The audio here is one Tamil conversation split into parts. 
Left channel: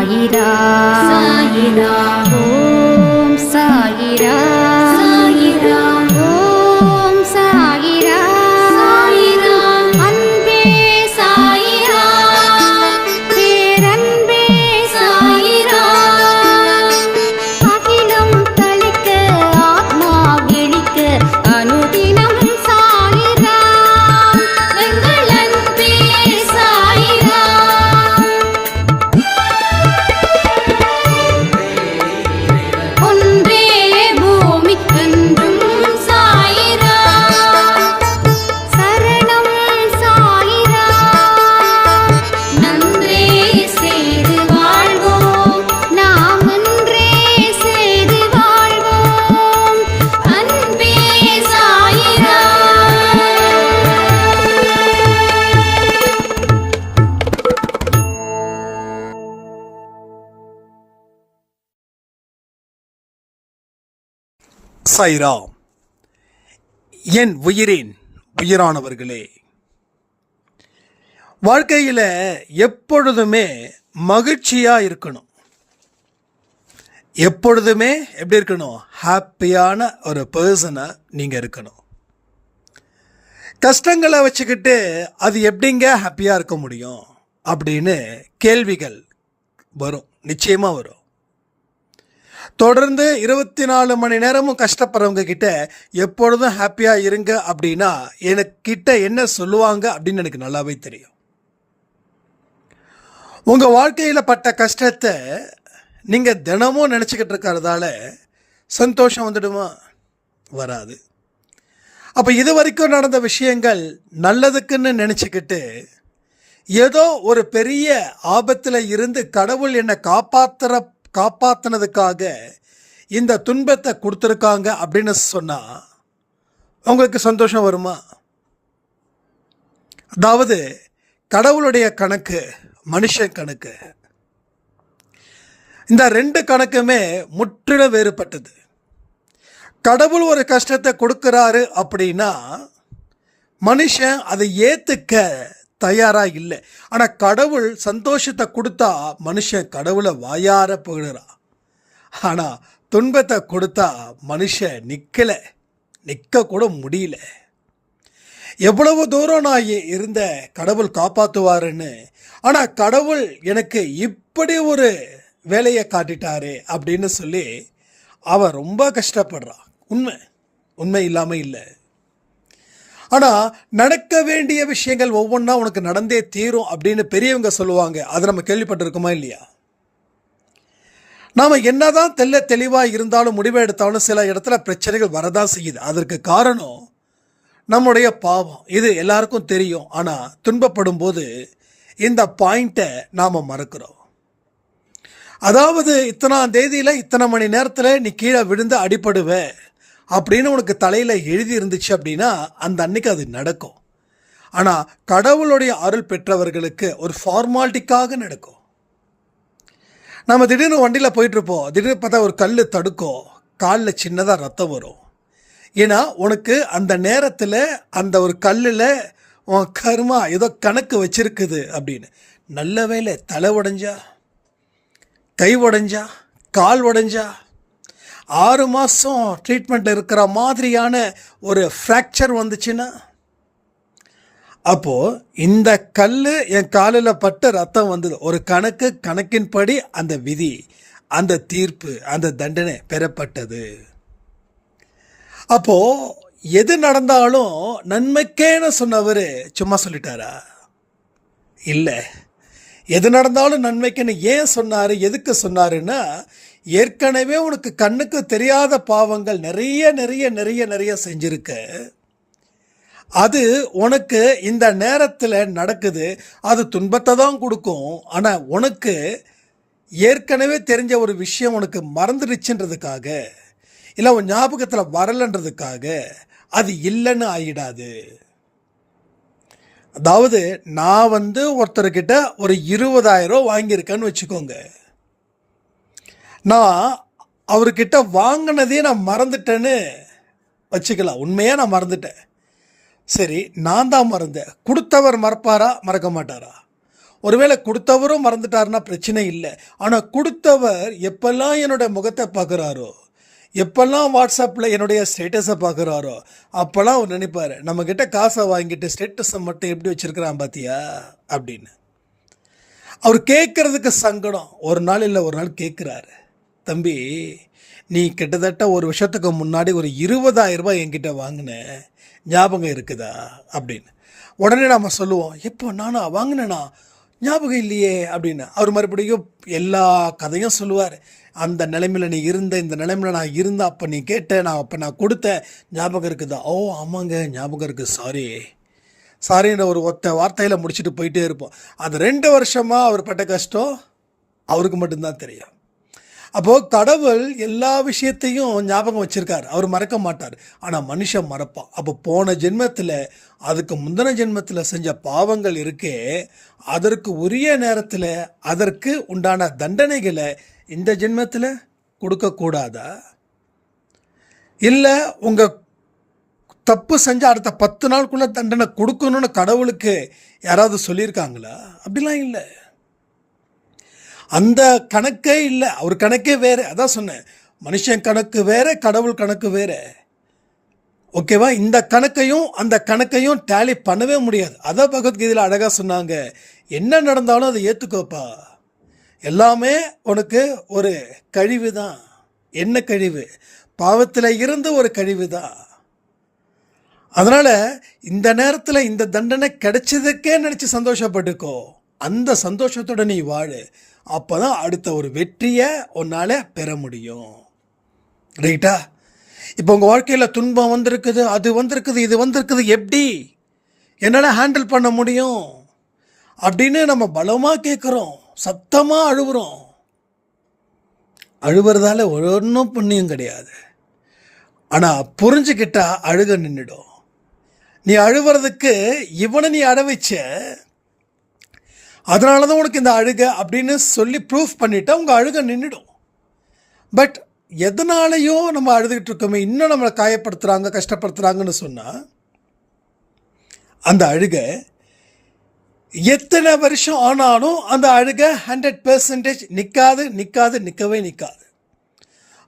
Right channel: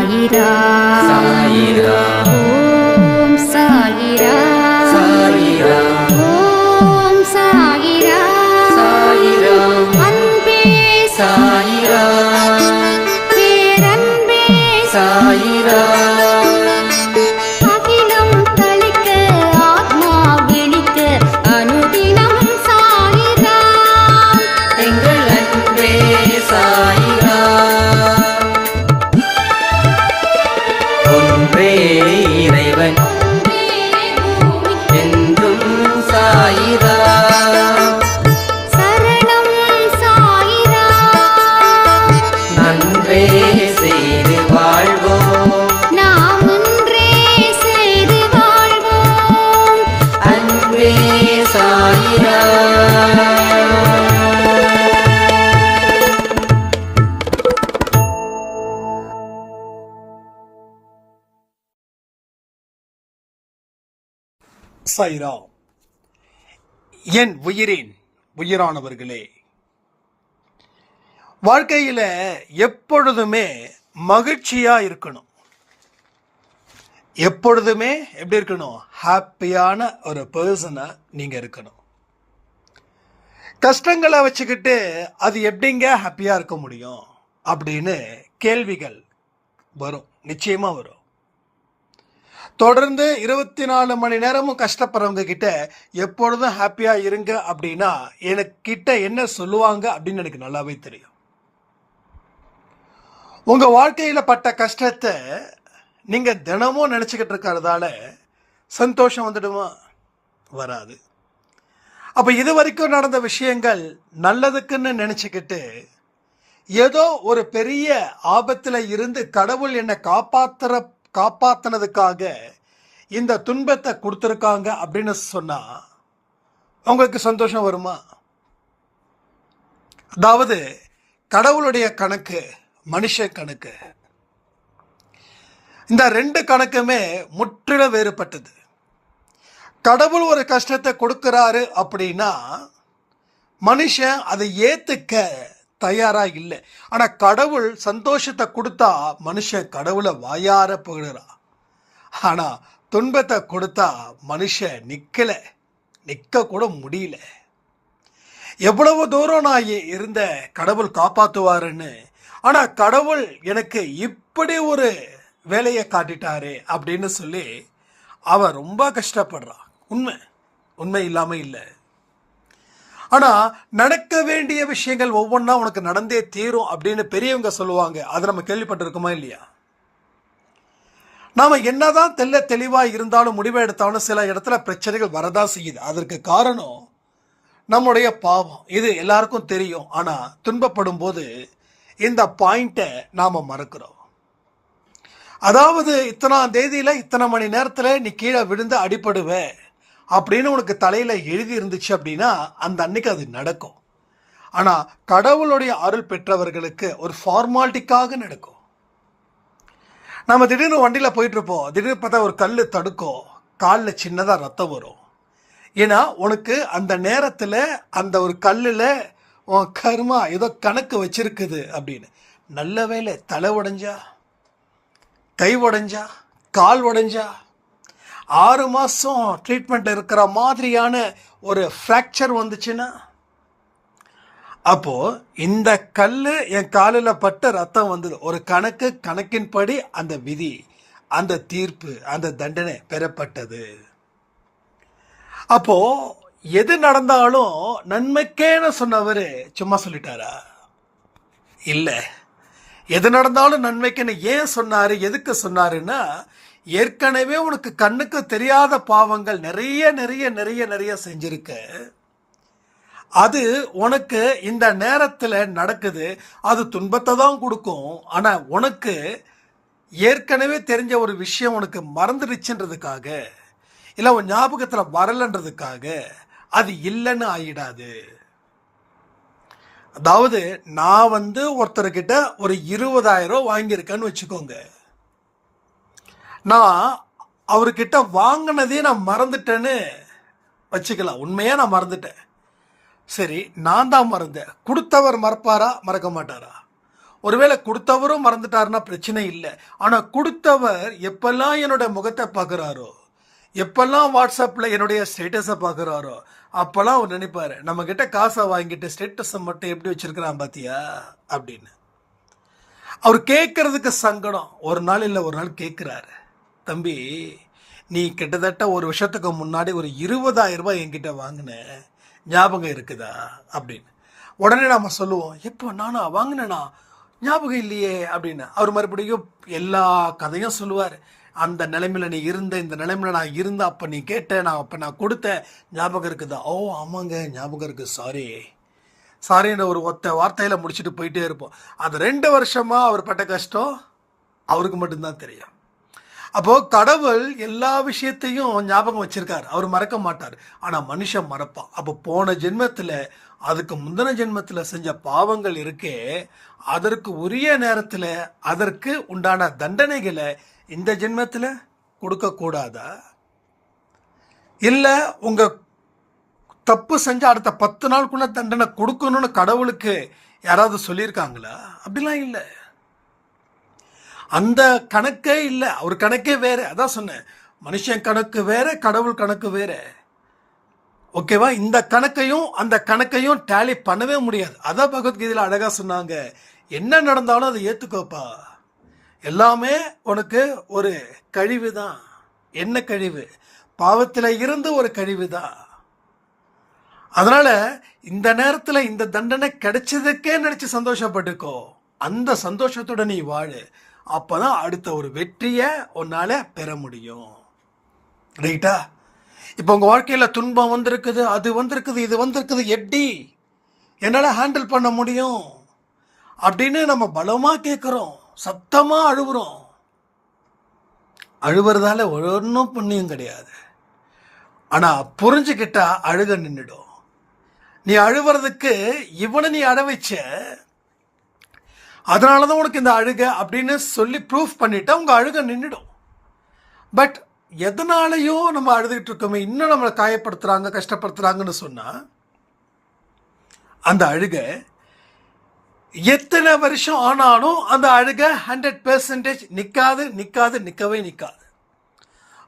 சாயிரா சாயிரா ஓம் சாயிரா சாயிரா ஓம் சாயிரா சாயிரா அன்பே சாயிரா பேரன்பே சாயிரா அகிலம் தளிக்க ஆத்மா விழிக்க அனுதினம் சாயிரா எங்கள் அன்பே சாயிரா ஒன்றே இறைவன் ஒன்றே பூமிக்கென்றும் சாயிரா சரணம் சாயிரா நன்றே செய்து வாழ்வோம் நாம் ஒன்றே செய்து வாழ்வோம் அன்பே சாயிரா சாய்ராம். என் உயிரின் உயிரானவர்களே, வாழ்க்கையில் எப்பொழுதுமே மகிழ்ச்சியாக இருக்கணும். எப்பொழுதுமே எப்படி இருக்கணும்? ஹாப்பியான ஒரு பர்சனாக நீங்கள் இருக்கணும். கஷ்டங்களை வச்சுக்கிட்டு அது எப்படிங்க ஹாப்பியாக இருக்க முடியும் அப்படின்னு கேள்விகள் வரும், நிச்சயமாக வரும். தொடர்ந்து 24 மணி நேரமும் கஷ்டப்படுறவங்க கிட்ட எப்பொழுதும் ஹாப்பியாக இருங்க அப்படின்னா எனக்கிட்ட என்ன சொல்லுவாங்க அப்படின்னு எனக்கு நல்லாவே தெரியும். உங்கள் வாழ்க்கையில் பட்ட கஷ்டத்தை நீங்கள் தினமும் நினச்சிக்கிட்டு இருக்கிறதால சந்தோஷம் வந்துடுமா? வராது. அப்போ இது வரைக்கும் நடந்த விஷயங்கள் நல்லதுக்குன்னு நினச்சிக்கிட்டு ஏதோ ஒரு பெரிய ஆபத்தில் இருந்து கடவுள் என்னை காப்பாற்றினதுக்காக இந்த துன்பத்தை கொடுத்துருக்காங்க அப்படின்னு சொன்னால் உங்களுக்கு சந்தோஷம் வருமா? அதாவது கடவுளுடைய கணக்கு, மனுஷன் கணக்கு, இந்த ரெண்டு கணக்குமே முற்றிலும் வேறுபட்டது. கடவுள் ஒரு கஷ்டத்தை கொடுக்குறாரு அப்படின்னா மனுஷன் அதை ஏற்றுக்க தயாராக இல்லை. ஆனால் கடவுள் சந்தோஷத்தை கொடுத்தா மனுஷன் கடவுளை வாயார புகழுறான். ஆனால் துன்பத்தை கொடுத்தா மனுஷன் நிற்க கூட முடியல. எவ்வளவு தூரம் நான் இருந்த கடவுள் காப்பாற்றுவாருன்னு, ஆனால் கடவுள் எனக்கு இப்படி ஒரு வேலையை காட்டிட்டாரு அப்படின்னு சொல்லி அவன் ரொம்ப கஷ்டப்படுறான். உண்மை இல்லாமல் இல்லை. ஆனால் நடக்க வேண்டிய விஷயங்கள் ஒவ்வொன்றா உனக்கு நடந்தே தீரும் அப்படின்னு பெரியவங்க சொல்லுவாங்க. அதை நம்ம கேள்விப்பட்டிருக்கோமா இல்லையா? நாம் என்னதான் தெளிவாக இருந்தாலும் முடிவை எடுத்தாலும் சில இடத்துல பிரச்சனைகள் வரதான் செய்யுது. அதற்கு காரணம் நம்முடைய பாவம். இது எல்லாருக்கும் தெரியும். ஆனால் துன்பப்படும் போது இந்த பாயிண்ட்டை நாம் மறக்கிறோம். அதாவது இத்தனாம் தேதியில் இத்தனை மணி நேரத்தில் நீ கீழே விழுந்து அடிபடுவ அப்படின்னு உனக்கு தலையில் எழுதி இருந்துச்சு அப்படின்னா அந்த அன்னைக்கு அது நடக்கும். ஆனால் கடவுளுடைய அருள் பெற்றவர்களுக்கு ஒரு ஃபார்மாலிட்டிக்காக நடக்கும். நம்ம திடீர்னு வண்டியில் போயிட்டுருப்போம், திடீர்னு பார்த்தா ஒரு கல் தடுக்கும், காலில் சின்னதாக ரத்தம் வரும். ஏன்னா உனக்கு அந்த நேரத்தில் அந்த ஒரு கல்லில் உன் கர்மா ஏதோ கணக்கு வச்சிருக்குது அப்படின்னு. நல்ல வேளை தலை உடைஞ்சா, கை உடைஞ்சா, கால் உடைஞ்சா, 6 மாதம் ட்ரீட்மெண்ட் இருக்கிற மாதிரியான ஒரு ஃப்ராக்சர் வந்துச்சுன்னா, அப்போது இந்த கல் என் காலில் பட்டு ரத்தம் வந்தது. ஒரு கணக்கின்படி அந்த விதி, அந்த தீர்ப்பு, அந்த தண்டனை பெறப்பட்டது. அப்போது எது நடந்தாலும் நன்மைக்கேன்னு சொன்னவர் சும்மா சொல்லிட்டாரா? இல்லை. எது நடந்தாலும் நன்மைக்குன்னு ஏன் சொன்னார், எதுக்கு சொன்னாருன்னா, ஏற்கனவே உனக்கு கண்ணுக்கு தெரியாத பாவங்கள் நிறைய செஞ்சிருக்க. அது உனக்கு இந்த நேரத்தில் நடக்குது. அது துன்பத்தை தான் கொடுக்கும். ஆனால் உனக்கு ஏற்கனவே தெரிஞ்ச ஒரு விஷயம் உனக்கு மறந்துடுச்சுன்றதுக்காக, இல்லை உன் ஞாபகத்தில் வரலன்றதுக்காக அது இல்லைன்னு ஆகிடாது. அதாவது நான் ஒருத்தர்கிட்ட ஒரு 20,000 ரூபா வாங்கியிருக்கேன்னு வச்சுக்கோங்க. நான் அவர்கிட்ட வாங்கினதே நான் மறந்துட்டேன்னு வச்சுக்கலாம். உண்மையாக நான் மறந்துட்டேன். சரி, நான் தான் மறந்தேன். கொடுத்தவர் மறப்பாரா, மறக்க மாட்டாரா? ஒருவேளை கொடுத்தவரும் மறந்துட்டாருன்னா பிரச்சனை இல்லை. ஆனால் கொடுத்தவர் எப்பெல்லாம் என்னோட முகத்தை பார்க்குறாரோ, எப்பெல்லாம் வாட்ஸ்அப்பில் என்னுடைய ஸ்டேட்டஸை பார்க்குறாரோ, அப்போல்லாம் அவர் நினைப்பார், நம்மக்கிட்ட காசை வாங்கிட்டு ஸ்டேட்டஸை மட்டும் எப்படி வச்சுருக்கிறான் பார்த்தியா அப்படின்னு. அவர் கேட்குறதுக்கு சங்கடம். ஒரு நாள் இல்லை ஒரு நாள் கேட்குறாரு, தம்பி நீ கிட்டத்தட்ட ஒரு வருஷத்துக்கு முன்னாடி ஒரு 20,000 ரூபாய் என்கிட்ட வாங்கின ஞாபகம் இருக்குதா அப்படின்னு. உடனே நாம் சொல்லுவோம், எப்போ நானா வாங்கினேனா, ஞாபகம் இல்லையே அப்படின்னு. அவர் மறுபடியும் எல்லா கதையும் சொல்லுவார். அந்த நிலைமையில் நீ இருந்த, இந்த நிலைமையில் நான் இருந்தேன், அப்போ நீ கேட்ட, நான் கொடுத்தேன், ஞாபகம் இருக்குதா? ஓ ஆமாங்க ஞாபகம் இருக்குது, சாரின்னு ஒரு ஒத்த வார்த்தையில் முடிச்சுட்டு போயிட்டே இருப்போம். அது 2 வருஷமாக அவர் பட்ட கஷ்டம் அவருக்கு மட்டும்தான் தெரியும். அப்போது கடவுள் எல்லா விஷயத்தையும் ஞாபகம் வச்சுருக்கார், அவர் மறக்க மாட்டார். ஆனால் மனுஷன் மறப்பான். அப்போ போன ஜென்மத்தில், அதுக்கு முந்தின ஜென்மத்தில் செஞ்ச பாவங்கள் இருக்கே, அதற்கு உரிய நேரத்தில் அதற்கு உண்டான தண்டனைகளை இந்த ஜென்மத்தில் கொடுக்கக்கூடாதா? இல்லை உங்கள் தப்பு செஞ்சு அடுத்த 10 நாளுக்குள்ளே தண்டனை கொடுக்கணும்னு கடவுளுக்கு யாராவது சொல்லியிருக்காங்களா? அப்படிலாம் இல்லை. அந்த கணக்கே இல்லை. அவர் கணக்கே வேறு. அதான் சொன்னேன், மனுஷன் கணக்கு வேறு, கடவுள் கணக்கு வேறு. ஓகேவா? இந்த கணக்கையும் அந்த கணக்கையும் டேலி பண்ணவே முடியாது. அதான் பகவத்கீதையில் அழகாக சொன்னாங்க, என்ன நடந்தாலும் அதை ஏற்றுக்கோப்பா, எல்லாமே உனக்கு ஒரு கழிவு தான். என்ன கழிவு? பாவத்தில் இருந்து ஒரு கழிவு தான். அதனால் இந்த நேரத்தில் இந்த தண்டனை கிடைச்சதுக்கே நினச்சி சந்தோஷப்பட்டுக்கோ. அந்த சந்தோஷத்தோட நீ வாழு. அப்போ தான் அடுத்த ஒரு வெற்றியை உன்னால் பெற முடியும். ரைட்டா? இப்போ உங்கள் வாழ்க்கையில் துன்பம் வந்திருக்குது, அது வந்திருக்குது, இது வந்திருக்குது, எப்படி என்னால் ஹேண்டில் பண்ண முடியும் அப்படின்னு நம்ம பலமாக கேட்குறோம், சத்தமாக அழுகுறோம். அழுவுறதால ஒன்றும் புண்ணியம் கிடையாது. ஆனால் புரிஞ்சுக்கிட்டா அழுக நின்றுடும். நீ அழுவுறதுக்கு இவனை நீ அழ வச்ச, அதனால தான் உனக்கு இந்த அழுக அப்படின்னு சொல்லி ப்ரூஃப் பண்ணிட்டா உங்கள் அழுக நின்றுடும். பட் எதனாலையோ நம்ம அழுதுகிட்டு இருக்கோமே, இன்னும் நம்மளை காயப்படுத்துகிறாங்க, கஷ்டப்படுத்துகிறாங்கன்னு சொன்னால் அந்த அழுக எத்தனை வருஷம் ஆனாலும் அந்த அழுக 100% நிற்கவே நிற்காது.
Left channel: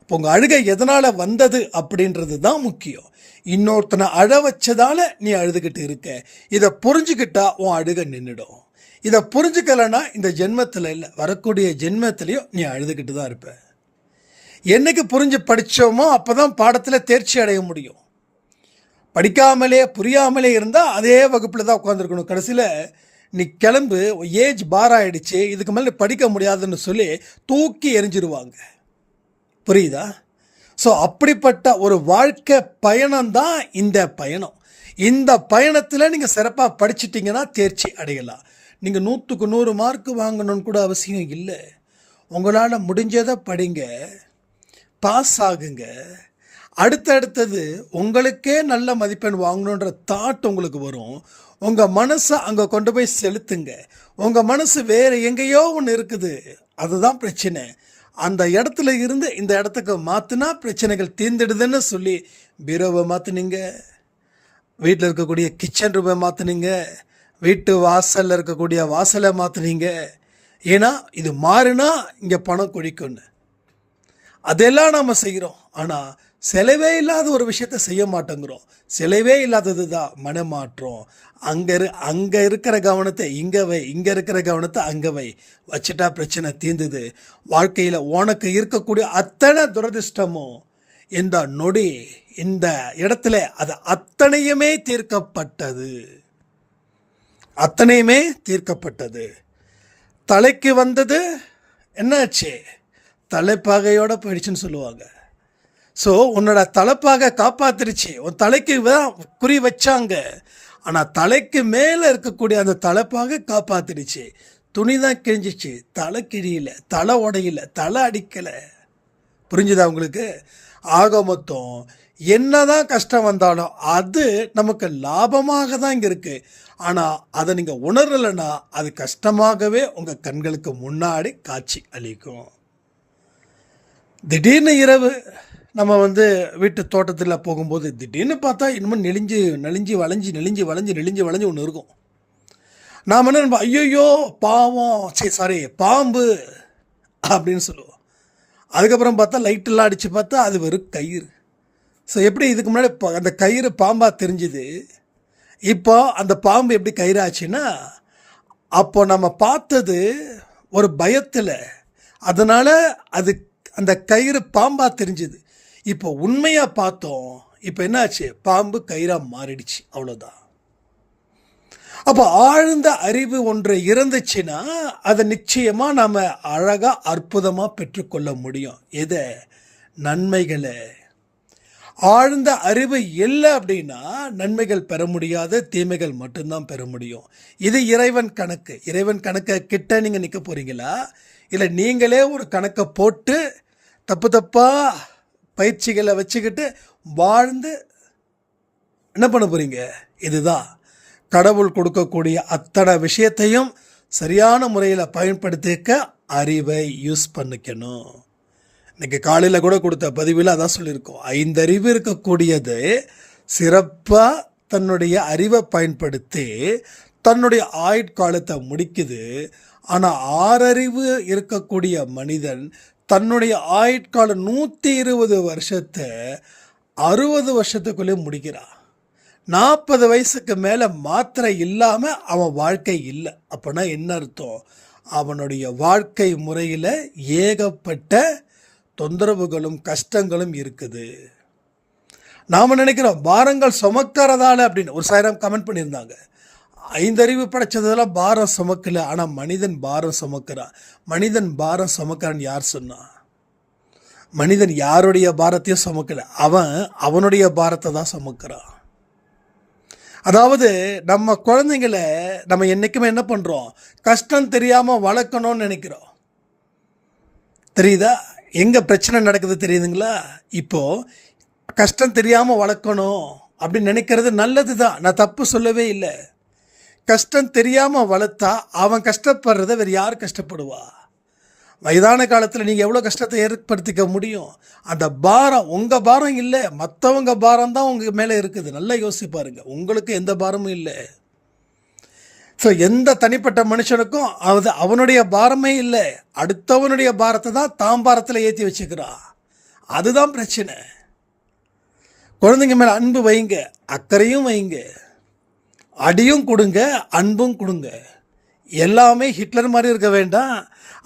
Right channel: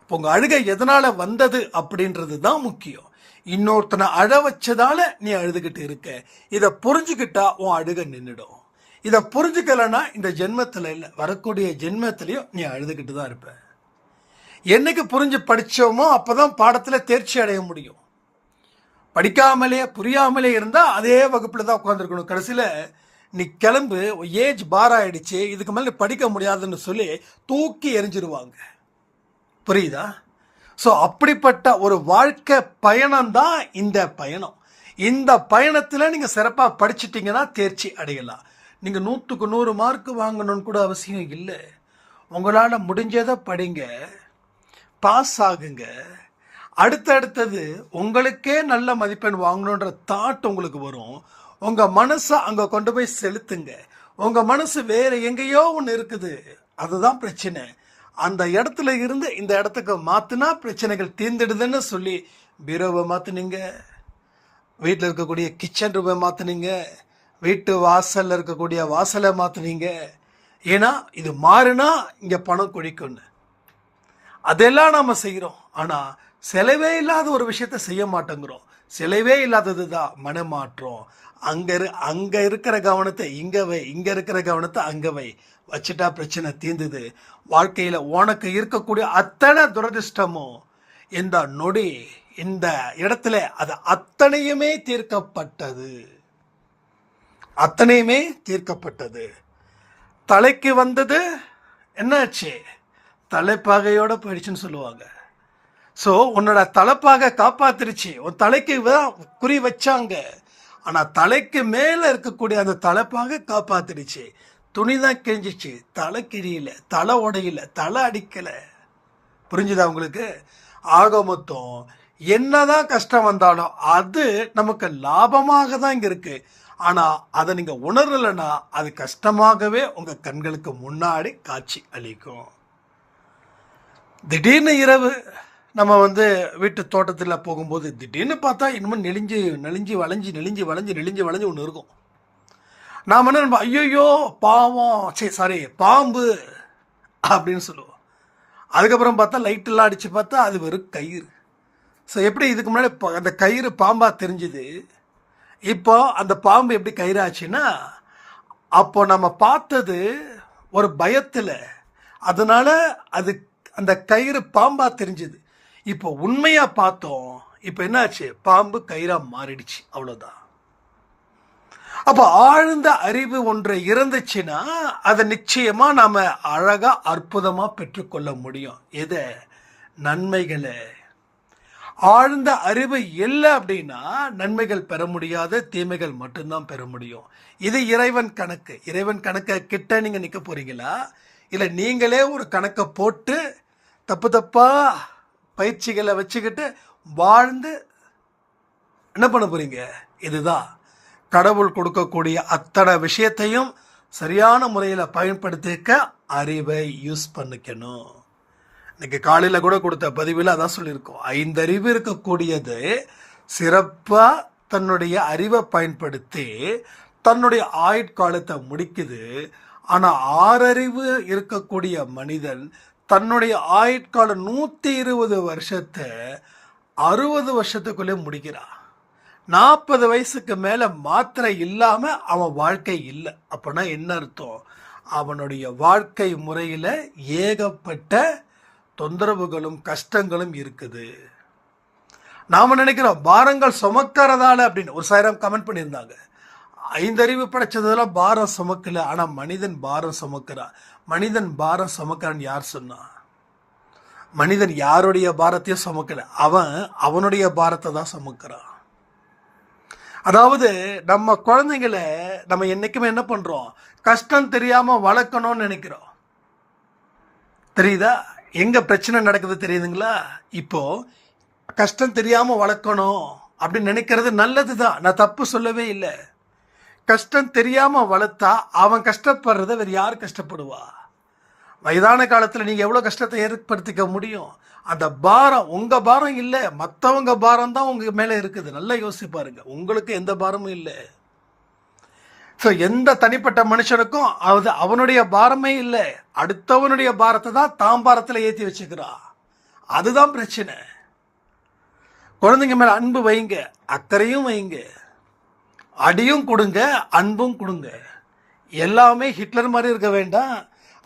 இப்போ உங்கள் அழுகை எதனால் வந்தது அப்படின்றது தான் முக்கியம். இன்னொருத்தனை அழ வச்சதால நீ அழுதுகிட்டு இருக்க, இதை புரிஞ்சுக்கிட்டா உன் அழுக நின்றுடும். இதை புரிஞ்சுக்கலைன்னா இந்த ஜென்மத்தில் இல்லை, வரக்கூடிய ஜென்மத்திலையும் நீ அழுதுகிட்டு தான் இருப்ப. என்னைக்கு புரிஞ்சு படித்தோமோ அப்போ தான் பாடத்தில் தேர்ச்சி அடைய முடியும். படிக்காமலே புரியாமலே இருந்தால் அதே வகுப்பில் தான் உட்காந்துருக்கணும். கடைசியில் நீ கிளம்பு, ஏஜ் பார் ஆகிடுச்சு, இதுக்கு மேலே படிக்க முடியாதுன்னு சொல்லி தூக்கி எரிஞ்சிருவாங்க. புரியுதா? ஸோ அப்படிப்பட்ட ஒரு வாழ்க்கை பயணம்தான் இந்த பயணம். இந்த பயணத்தில் நீங்கள் சிறப்பாக படிச்சிட்டிங்கன்னா தேர்ச்சி அடையலாம். நீங்கள் 100க்கு 100 மார்க் வாங்கணும்னு கூட அவசியம் இல்லை. உங்களால் முடிஞ்சதை படிங்க, பாஸ் ஆகுங்க. அடுத்தது உங்களுக்கே நல்ல மதிப்பெண் வாங்கணுன்ற தாட் உங்களுக்கு வரும். உங்கள் மனசை அங்கே கொண்டு போய் செலுத்துங்க. உங்கள் மனசு வேறு எங்கேயோ ஒன்று இருக்குது, அதுதான் பிரச்சனை. அந்த இடத்துல இருந்து இந்த இடத்துக்கு மாற்றினா பிரச்சனைகள் தீர்ந்துடுதுன்னு சொல்லி பீரோவை மாற்றினீங்க, வீட்டில் இருக்கக்கூடிய கிச்சன் ரூமை மாற்றினீங்க, வீட்டு வாசலில் இருக்கக்கூடிய வாசலை மாற்றினீங்க. ஏன்னா இது மாறுனா இங்கே பணம் குழிக்கும்னு. அதெல்லாம் நாம் செய்கிறோம். ஆனால் செலவே இல்லாத ஒரு விஷயத்த செய்ய மாட்டேங்கிறோம். செலவே இல்லாதது தான் மனமாற்றம். அங்கே இருக்கிற கவனத்தை இங்கே வை, இங்கே இருக்கிற கவனத்தை அங்கே வை, வச்சுட்டா பிரச்சனை தீர்ந்துது. வாழ்க்கையில் உனக்கு இருக்கக்கூடிய அத்தனை துரதிர்ஷ்டமும் இந்த நொடி இந்த இடத்துல அது அத்தனையுமே தீர்க்கப்பட்டது. தலைக்கு வந்தது என்னாச்சு? தலைப்பாகையோட போயிடுச்சுன்னு சொல்லுவாங்க. ஸோ உன்னோட தலைப்பாகை காப்பாத்திருச்சு. உன் தலைக்கு குறி வச்சாங்க, ஆனால் தலைக்கு மேலே இருக்கக்கூடிய அந்த தலைப்பாகை காப்பாத்திருச்சு. துணி தான் கிழிஞ்சிச்சு, தலை கிழியல, தலை உடையில, தலை அடிக்கலை. புரிஞ்சுதா உங்களுக்கு? ஆக மொத்தம் என்னதான் கஷ்டம் வந்தாலும் அது நமக்கு லாபமாக தான் இங்கே இருக்குது. ஆனால் அதை நீங்கள் உணரலைன்னா அது கஷ்டமாகவே உங்கள் கண்களுக்கு முன்னாடி காட்சி அளிக்கும். திடீர்னு இரவு நம்ம வீட்டு தோட்டத்தில் போகும்போது திடீர்னு பார்த்தா இன்னமும் நெளிஞ்சு வளைஞ்சு ஒன்று இருக்கும். நாம் என்ன நம்ம ஐயோ பாவம் சாரி பாம்பு அப்படின்னு சொல்லுவோம். அதுக்கப்புறம் பார்த்தா லைட்டெல்லாம் அடித்து பார்த்தா அது வெறும் கயிறு. ஸோ எப்படி இதுக்கு முன்னாடி அந்த கயிறு பாம்பாக தெரிஞ்சுது, இப்போ அந்த பாம்பு எப்படி கயிறு ஆச்சுன்னா, அப்போ நம்ம பார்த்தது ஒரு பயத்தில், அதனால் அது அந்த கயிறு பாம்பாக தெரிஞ்சுது. இப்போ உண்மையாக பார்த்தோம், இப்போ என்னாச்சு, பாம்பு கயிறாக மாறிடுச்சு, அவ்வளோதான். அப்போ ஆழ்ந்த அறிவு ஒன்று இருந்துச்சுன்னா அதை நிச்சயமாக நாம் அழகாக அற்புதமாக பெற்றுக்கொள்ள முடியும். எதை? நன்மைகளை. ஆழ்ந்த அறிவு இல்லை அப்படின்னா நன்மைகள் பெற முடியாது, தீமைகள் மட்டும்தான் பெற முடியும். இது இறைவன் கணக்கு. இறைவன் கணக்கை கிட்ட நீங்கள் நிற்க போகிறீங்களா, இல்லை நீங்களே ஒரு கணக்கை போட்டு தப்பு தப்பாக பயிற்சிகளை வச்சுக்கிட்டு வாழ்ந்து என்ன பண்ண போகிறீங்க? இதுதான் கடவுள் கொடுக்கக்கூடிய அத்தனை விஷயத்தையும் சரியான முறையில் பயன்படுத்திக்க அறிவை யூஸ் பண்ணிக்கணும். இன்றைக்கி காலையில் கூட கொடுத்த பதிவில் அதான் சொல்லியிருக்கோம். 5 அறிவு இருக்கக்கூடியது சிறப்பாக தன்னுடைய அறிவை பயன்படுத்தி தன்னுடைய ஆயுட்காலத்தை முடிக்குது. ஆனால் 6 அறிவு இருக்கக்கூடிய மனிதன் தன்னுடைய ஆயுட்காலம் 120 வருஷத்தை 60 வருஷத்துக்குள்ளே முடிக்கிறான். 40 வயசுக்கு மேலே மாத்திரை இல்லாமல் அவன் வாழ்க்கை இல்லை. அப்படின்னா என்ன அர்த்தம்? அவனுடைய வாழ்க்கை முறையில் ஏகப்பட்ட தொந்தரவுகளும் கஷ்டங்களும் இருக்குது. நாம் நினைக்கிறோம் பாரங்கள் சுமக்கிறதால அப்படின்னு. ஒரு 1000 கமெண்ட் பண்ணியிருந்தாங்க. 5 அறிவு படைச்சதெல்லாம் பாரம் சுமக்கலை, ஆனால் மனிதன் பாரம் சுமக்கிறான். மனிதன் பாரம் சுமக்கிறான்னு யார் சொன்னா? மனிதன் யாருடைய பாரத்தையும் சுமக்கலை, அவனுடைய பாரத்தை தான் சுமக்கிறான். அதாவது நம்ம குழந்தைங்களை நம்ம என்றைக்குமே என்ன பண்ணுறோம், கஷ்டம் தெரியாமல் வளர்க்கணும்னு நினைக்கிறோம். தெரியுதா எங்கே பிரச்சனை நடக்குது தெரியுதுங்களா? இப்போது கஷ்டம் தெரியாமல் வளர்க்கணும் அப்படின்னு நினைக்கிறது நல்லது தான், நான் தப்பு சொல்லவே இல்லை. கஷ்டம் தெரியாமல் வளர்த்தா அவன் கஷ்டப்படுறத வேறு யார் கஷ்டப்படுவா? வயதான காலத்தில் நீங்கள் எவ்வளோ கஷ்டத்தை ஏற்படுத்திக்க முடியும்? அந்த பாரம் உங்கள் பாரம் இல்லை, மற்றவங்க பாரம் தான் உங்கள் மேலே இருக்குது. நல்லா யோசிச்சு பாருங்கள், உங்களுக்கு எந்த பாரமும் இல்லை. ஸோ எந்த தனிப்பட்ட மனுஷனுக்கும் அவனுடைய பாரமே இல்லை, அடுத்தவனுடைய பாரத்தை தான் தாம் பாரத்தில் ஏற்றி வச்சுக்கிறான். அதுதான் பிரச்சனை. குழந்தைங்க மேலே அன்பு வைங்க, அக்கறையும் வைங்க, அடியும் கொடுங்க, அன்பும் கொடுங்க. எல்லாமே ஹிட்லர் மாதிரி இருக்க வேண்டாம்,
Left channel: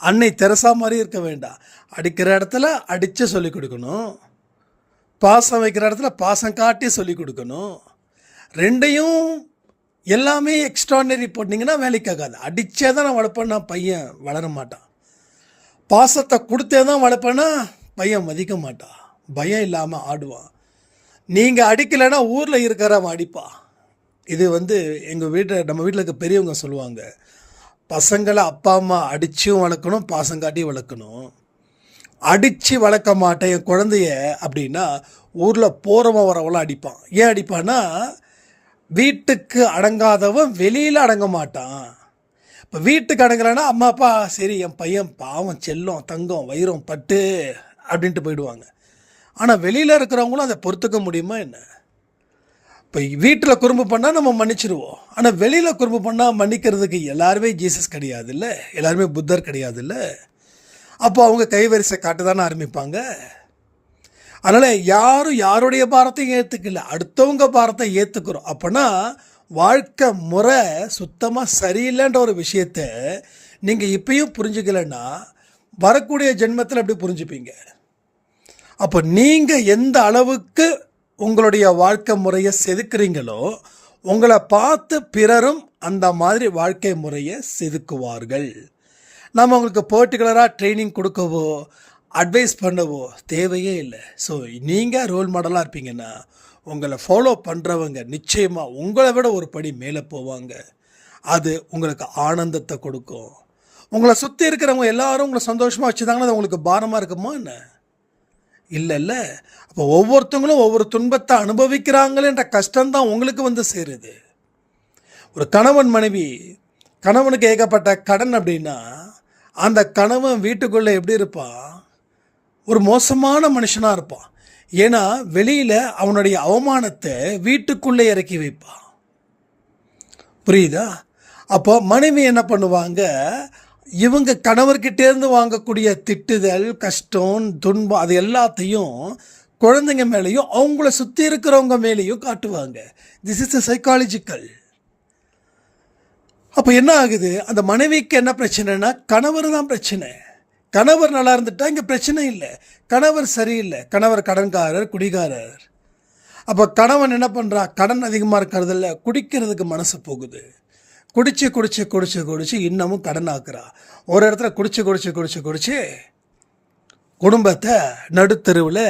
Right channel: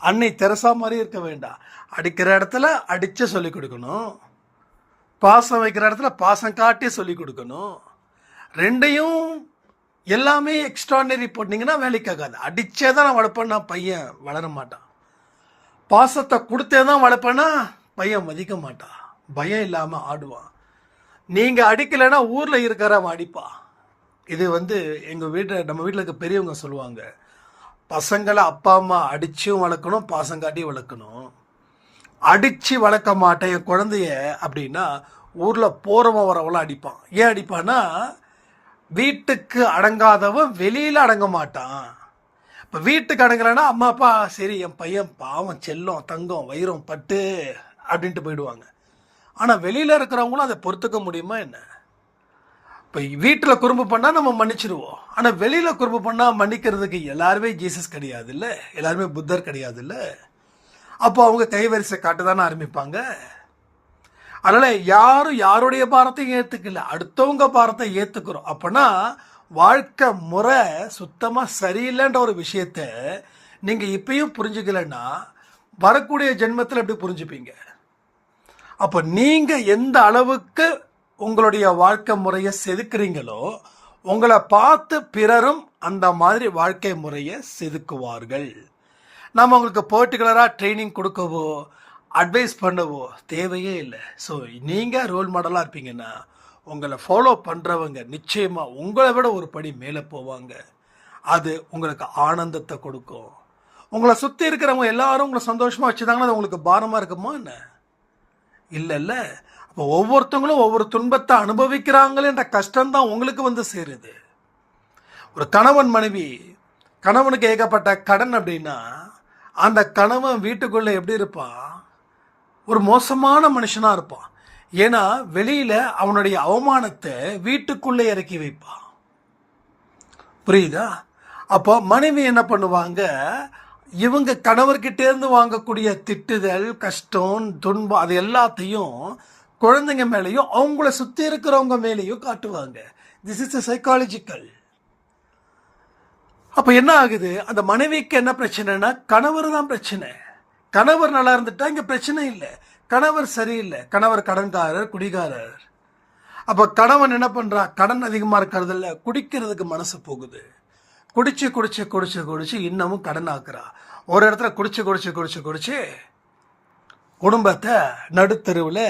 அன்னை தெரசா மாதிரி இருக்க வேண்டாம். அடிக்கிற இடத்துல அடித்து சொல்லிக் கொடுக்கணும், பாசம் வைக்கிற இடத்துல பாசம் காட்டி சொல்லிக் கொடுக்கணும். ரெண்டையும் எல்லாமே எக்ஸ்ட்ரானரி போட்டிங்கன்னா வேலைக்கு ஆகாது. அடித்தே தான் நான் வளர்ப்பேன்னா பையன் வளர மாட்டான். பாசத்தை கொடுத்தே தான் வளர்ப்பேன்னா பையன் மதிக்க மாட்டான், பயம் இல்லாமல் ஆடுவான். நீங்கள் அடிக்கலைன்னா ஊரில் இருக்கிறவன் அடிப்பான். இது நம்ம வீட்டில் இருக்க பெரியவங்க சொல்லுவாங்க, பசங்களை அப்பா அம்மா அடிச்சும் வளர்க்கணும், பாசம் காட்டி வளர்க்கணும். அடித்து வளர்க்க மாட்டேன் என் குழந்தைய அப்படின்னா ஊரில் போகிறவன் வரவெல்லாம் அடிப்பான். ஏன் அடிப்பான்னா, வீட்டுக்கு அடங்காதவன் வெளியில் அடங்க மாட்டான். இப்போ வீட்டுக்கு அடங்கலைன்னா அம்மா அப்பா சரி என் பையன் பாவம் செல்லம் தங்கம் வைரம் பட்டு அப்படின்ட்டு போயிடுவாங்க. ஆனால் வெளியில் இருக்கிறவங்களும் அதை பொறுத்துக்க முடியுமா என்ன? இப்போ வீட்டில் குறும்பு பண்ணால் நம்ம மன்னிச்சிடுவோம், ஆனால் வெளியில் குறும்பு பண்ணால் மன்னிக்கிறதுக்கு எல்லாருமே ஜீசஸ் கிடையாது இல்லை, எல்லாருமே புத்தர் கிடையாது இல்லை. அப்போ அவங்க கைவரிசை காட்ட தானே ஆரம்பிப்பாங்க. அதனால் யாரும் யாருடைய பாரத்தையும் ஏற்றுக்கல, அடுத்தவங்க பாரத்தை ஏற்றுக்கிறோம். அப்போனா வாழ்க்கை முறை சுத்தமாக சரியில்லைன்ற ஒரு விஷயத்த நீங்கள் இப்பயும் புரிஞ்சுக்கலைன்னா வரக்கூடிய ஜென்மத்தில் எப்படி புரிஞ்சுப்பீங்க? அப்போ நீங்கள் எந்த அளவுக்கு உங்களுடைய வாழ்க்கை முறையை செதுக்குறீங்களோ உங்களை பார்த்து பிறரும் அந்த மாதிரி வாழ்க்கை முறையை செதுக்குவார்கள். நம்ம உங்களுக்கு பர்டிகுலராக ட்ரைனிங் கொடுக்கவோ அட்வைஸ் பண்ணவோ தேவையே இல்லை. ஸோ நீங்கள் ரோல் மாடலாக இருப்பீங்கன்னா உங்களை ஃபாலோ பண்ணுறவங்க நிச்சயமாக உங்களை விட ஒரு படி மேலே போவாங்க. அது உங்களுக்கு ஆனந்தத்தை கொடுக்கும். உங்களை சுற்றி இருக்கிறவங்க எல்லாரும் உங்களை சந்தோஷமாக வச்சுதாங்கன்னா அது உங்களுக்கு பாரமாக இருக்குமா என்ன? இல்லைல்ல. அப்போ ஒவ்வொருத்தவங்களும் ஒவ்வொரு துன்பத்தை அனுபவிக்கிறாங்களேன்ற கஷ்டம்தான் உங்களுக்கு சேருது. ஒரு கணவன் மனைவி, கணவனுக்கு ஏகப்பட்ட கடன் அப்படின்னா அந்த கணவன் வீட்டுக்குள்ளே எப்படி இருப்பான்? ஒரு மோசமான மனுஷனாக இருப்பான். ஏன்னா வெளியில் அவனுடைய அவமானத்தை வீட்டுக்குள்ளே இறக்கி வைப்பான். புரியுதா? அப்போ மனைவி என்ன பண்ணுவாங்க, இவங்க கணவர்கிட்டேருந்து வாங்கக்கூடிய திட்டுதல், கஷ்டம், துன்பம் அது எல்லாத்தையும் குழந்தைங்க மேலேயும் அவங்கள சுற்றி இருக்கிறவங்க மேலேயும் காட்டுவாங்க. This is psychological. அப்போ என்ன ஆகுது, அந்த மனைவிக்கு என்ன பிரச்சனைனா கணவர் தான் பிரச்சனை. கணவர் நல்லா இருந்துட்டா இங்கே பிரச்சனை இல்லை. கணவர் சரியில்லை, கணவர் கடன்காரர், குடிகாரர். அப்போ கணவன் என்ன பண்ணுறான், கடன் அதிகமாக இருக்கிறதில்ல, குடிக்கிறதுக்கு மனசு போகுது. குடிச்சு குடிச்சு குடிச்சு குடிச்சு இன்னமும் கடன் ஆக்குறா. ஒரு இடத்துல குடிச்சு குடிச்சு குடிச்சு குடிச்சு குடும்பத்தை நடுத்தருவில்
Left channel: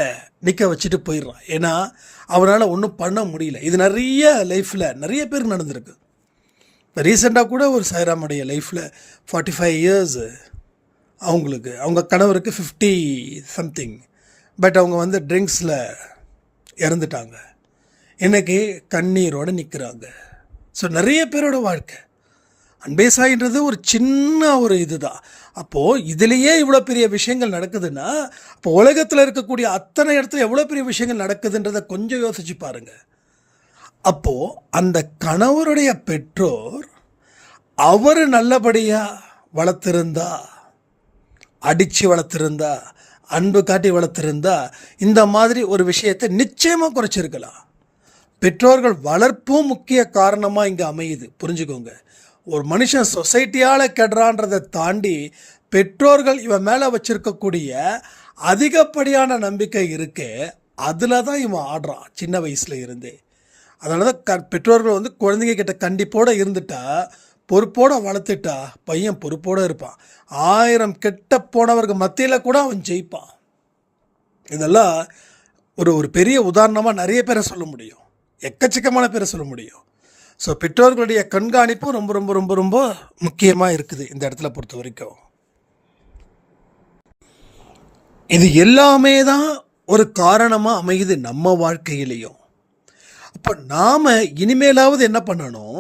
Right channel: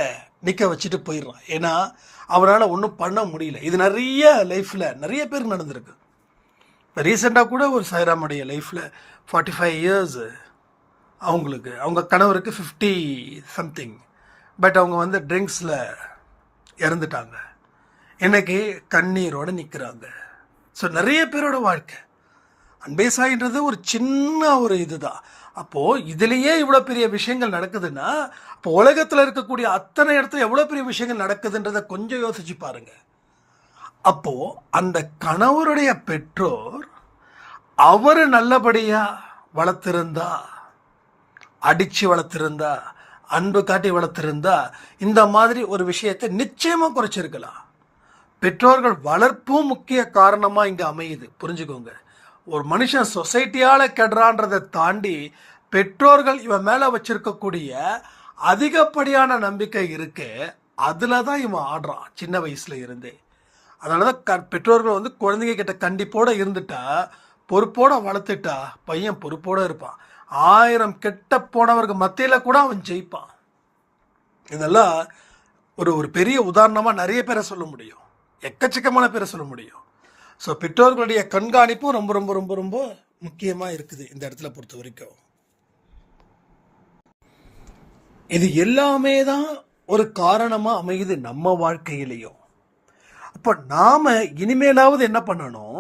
நிற்க வச்சுட்டு போயிடுறான். ஏன்னா அவரால் ஒன்றும் பண்ண முடியல. இது நிறைய லைஃப்பில் நிறைய பேர் நடந்திருக்கு. இப்போ ரீசெண்டாக கூட ஒரு சாய்ராமுடைய லைஃப்பில் 45 இயர்ஸ் அவங்களுக்கு, அவங்க கணவருக்கு 50 சம்திங். பட் அவங்க வந்து ட்ரிங்க்ஸில் இறந்துட்டாங்க. இன்னைக்கு கண்ணீரோடு நிற்கிறாங்க. ஸோ நிறைய பேரோட வாழ்க்கை அன்பே சாயின்றது ஒரு சின்ன ஒரு இது தான். அப்போது இதுலேயே இவ்வளோ பெரிய விஷயங்கள் நடக்குதுன்னா, அப்போ உலகத்தில் இருக்கக்கூடிய அத்தனை இடத்துல எவ்வளோ பெரிய விஷயங்கள் நடக்குதுன்றதை கொஞ்சம் யோசிச்சு பாருங்கள். அப்போது அந்த கணவருடைய பெற்றோர் அவர் நல்லபடியாக வளர்த்துருந்தா, அடித்து வளர்த்துருந்தா, அன்பு காட்டி வளர்த்துருந்தா இந்த மாதிரி ஒரு விஷயத்தை நிச்சயமாக குறைச்சிருக்கலாம். பெற்றோர்கள் வளர்ப்பும் முக்கிய காரணமாக இங்கே அமையுது. புரிஞ்சுக்கோங்க, ஒரு மனுஷன் சொசைட்டியால் கெடுறான்றதை தாண்டி பெற்றோர்கள் இவன் மேலே வச்சிருக்கக்கூடிய அதிகப்படியான நம்பிக்கை இருக்கு, அதில் தான் இவன் ஆடுறான் சின்ன வயசில் இருந்தே. அதனால தான் பெற்றோர்கள் வந்து குழந்தைங்க கிட்ட கண்டிப்போடு இருந்துட்டா, பொறுப்போடு வளர்த்துட்டா பையன் பொறுப்போடு இருப்பான். 1000 கெட்ட போனவர்கள் மத்தியில் கூட அவன் ஜெயிப்பான். இதெல்லாம் ஒரு பெரிய உதாரணமாக நிறைய பேரை சொல்ல முடியும், எக்கச்சக்கமான பேரை சொல்ல முடியும். ஸோ பெற்றோர்களுடைய கண்காணிப்பும் ரொம்ப ரொம்ப ரொம்ப ரொம்ப முக்கியமாக இருக்குது இந்த இடத்துல பொறுத்த வரைக்கும். இது எல்லாமே தான் ஒரு காரணமாக அமையுது நம்ம வாழ்க்கையிலையும். அப்போ நாம் இனிமேலாவது என்ன பண்ணணும்,